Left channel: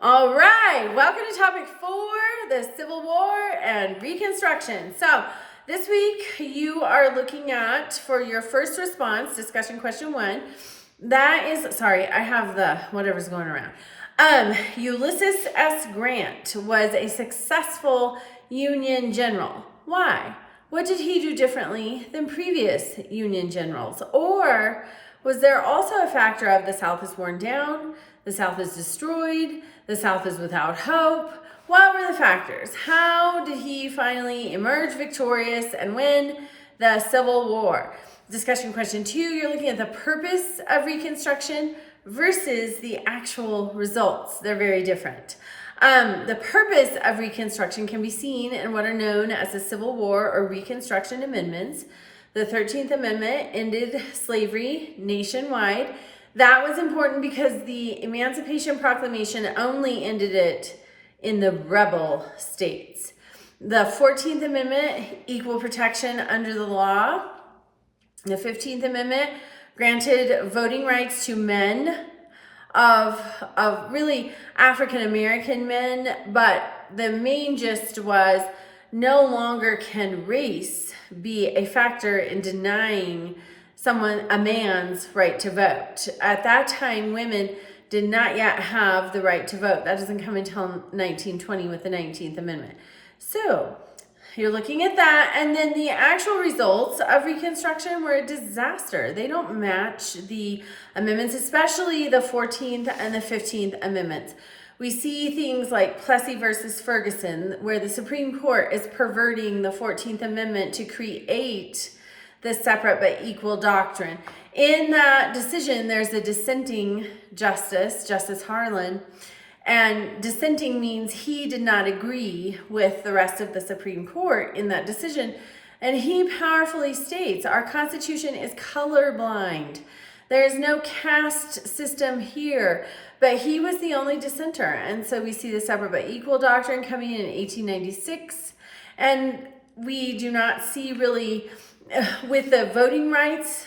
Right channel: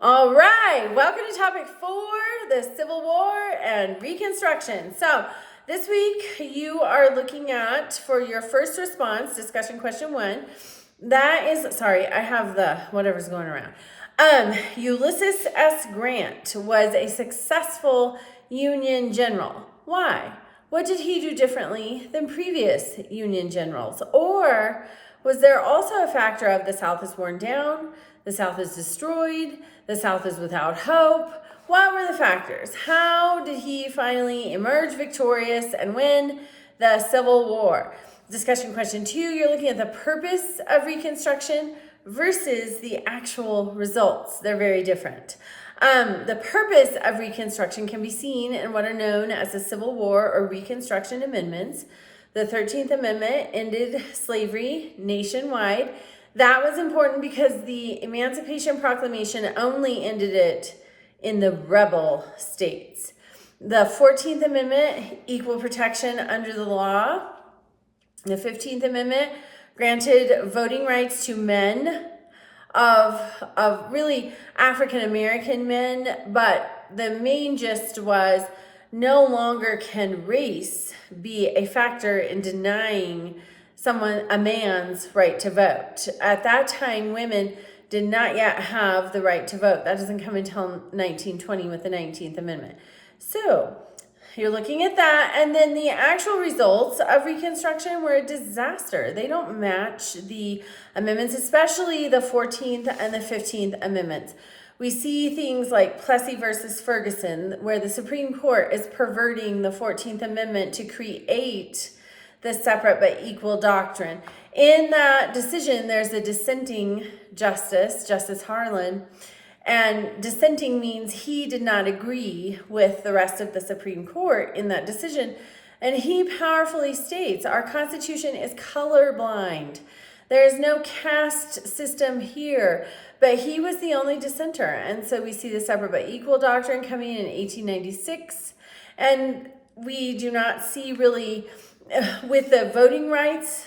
All right, welcome to topic 4, the Civil War and Reconstruction. So this week you are looking at, for your first response, discussion question 1, that is, sorry, I have the whatever's going around. Ulysses S. Grant was a successful Union general. Why? What did he do differently than previous Union generals? Or was there also a factor of the South is worn down, the South is destroyed, the South is without hope? What were the factors? How did he finally emerge victorious and win the Civil War? Discussion question 2, you're looking at the purpose of Reconstruction versus the actual results. They're very different. The purpose of Reconstruction can be seen in what are known as the Civil War or Reconstruction Amendments. The 13th Amendment ended slavery nationwide. That was important because the Emancipation Proclamation only ended it in the rebel states. The 14th Amendment, equal protection under the law. The 15th Amendment granted voting rights to men of really African American men, but the main gist was no longer can race be a factor in denying a man's right to vote. At that time, women did not yet have the right to vote. That doesn't come until 1920 with the 19th Amendment. So you're looking at that, and then the actual results of Reconstruction were a disaster. They don't match the amendments, especially the 14th and the 15th Amendments. We see things like Plessy versus Ferguson, where the Supreme Court is perverting the 14th Amendment to create the separate but equal doctrine. In that decision, there's a dissenting justice, Justice Harlan, and dissenting means he did not agree with the rest of the Supreme Court in that decision. And he powerfully states, our Constitution is colorblind. There is no caste system here. But he was the only dissenter. And so we see the separate but equal doctrine coming in 1896. And we do not see really, with the voting rights,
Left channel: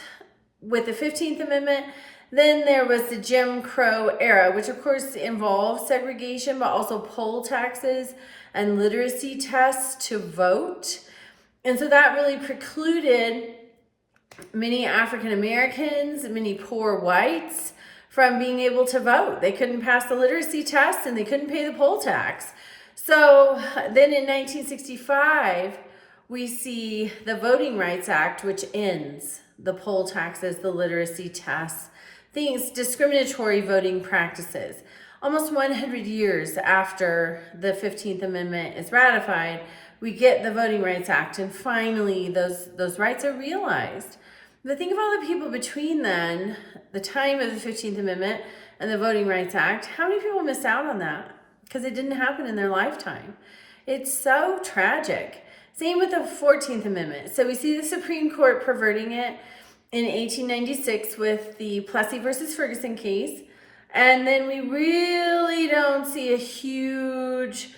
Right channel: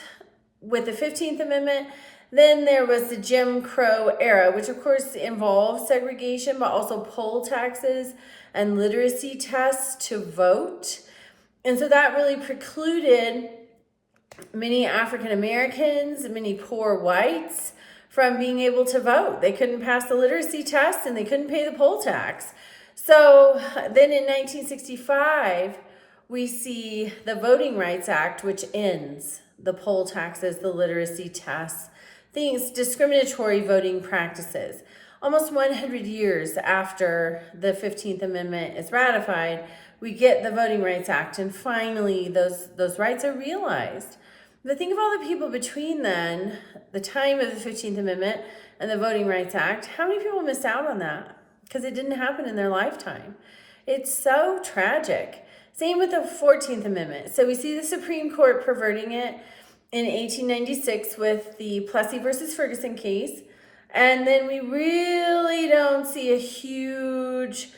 with the 15th Amendment, then there was the Jim Crow era, which of course involved segregation, but also poll taxes and literacy tests to vote. And so that really precluded many African Americans, many poor whites, from being able to vote. They couldn't pass the literacy test and they couldn't pay the poll tax. So then in 1965, we see the Voting Rights Act, which ends the poll taxes, the literacy tests, things, discriminatory voting practices. Almost 100 years after the 15th Amendment is ratified, we get the Voting Rights Act, and finally those rights are realized. But think of all the people between then, the time of the 15th Amendment and the Voting Rights Act. How many people missed out on that? Because it didn't happen in their lifetime. It's so tragic. Same with the 14th Amendment. So we see the Supreme Court perverting it in 1896 with the Plessy versus Ferguson case. And then we really don't see a huge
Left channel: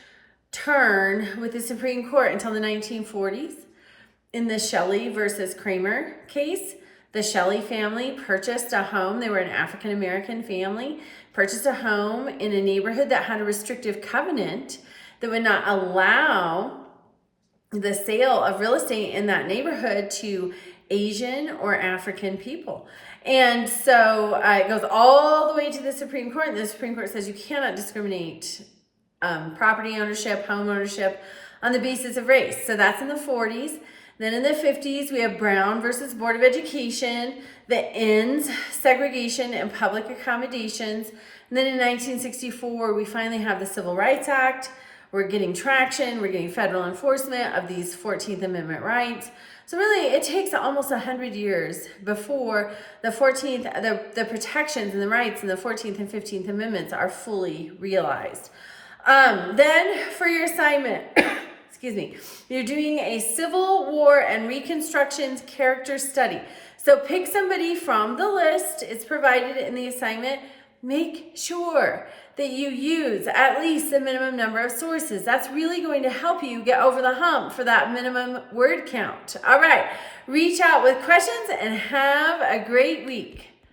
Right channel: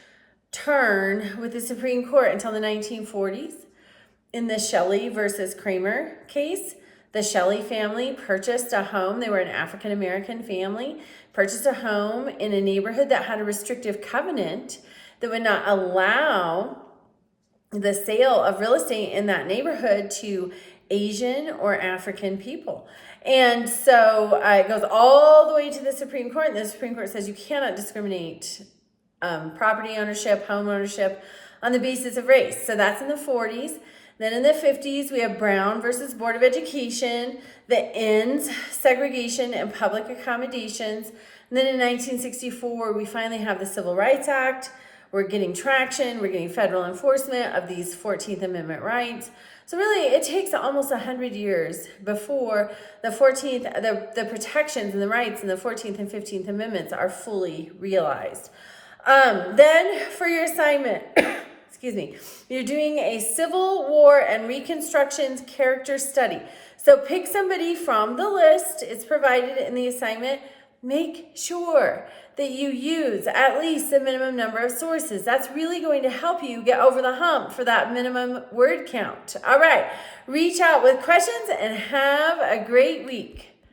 turn with the Supreme Court until the 1940s. In the Shelley versus Kramer case, the Shelley family purchased a home. They were an African American family, purchased a home in a neighborhood that had a restrictive covenant that would not allow the sale of real estate in that neighborhood to Asian or African people. And so it goes all the way to the Supreme Court, and the Supreme Court says you cannot discriminate property ownership, home ownership on the basis of race. So that's in the 40s. Then in the 50s, we have Brown versus Board of Education that ends segregation and public accommodations. And then in 1964, we finally have the Civil Rights Act. We're getting traction. We're getting federal enforcement of these 14th Amendment rights. So really, it takes almost 100 years before the protections and the rights in the 14th and 15th Amendments are fully realized. Then for your assignment, excuse me, you're doing a Civil War and Reconstruction's character study. So pick somebody from the list. It's provided in the assignment. Make sure that you use at least the minimum number of sources. That's really going to help you get over the hump for that minimum word count. All right, reach out with questions and have a great week.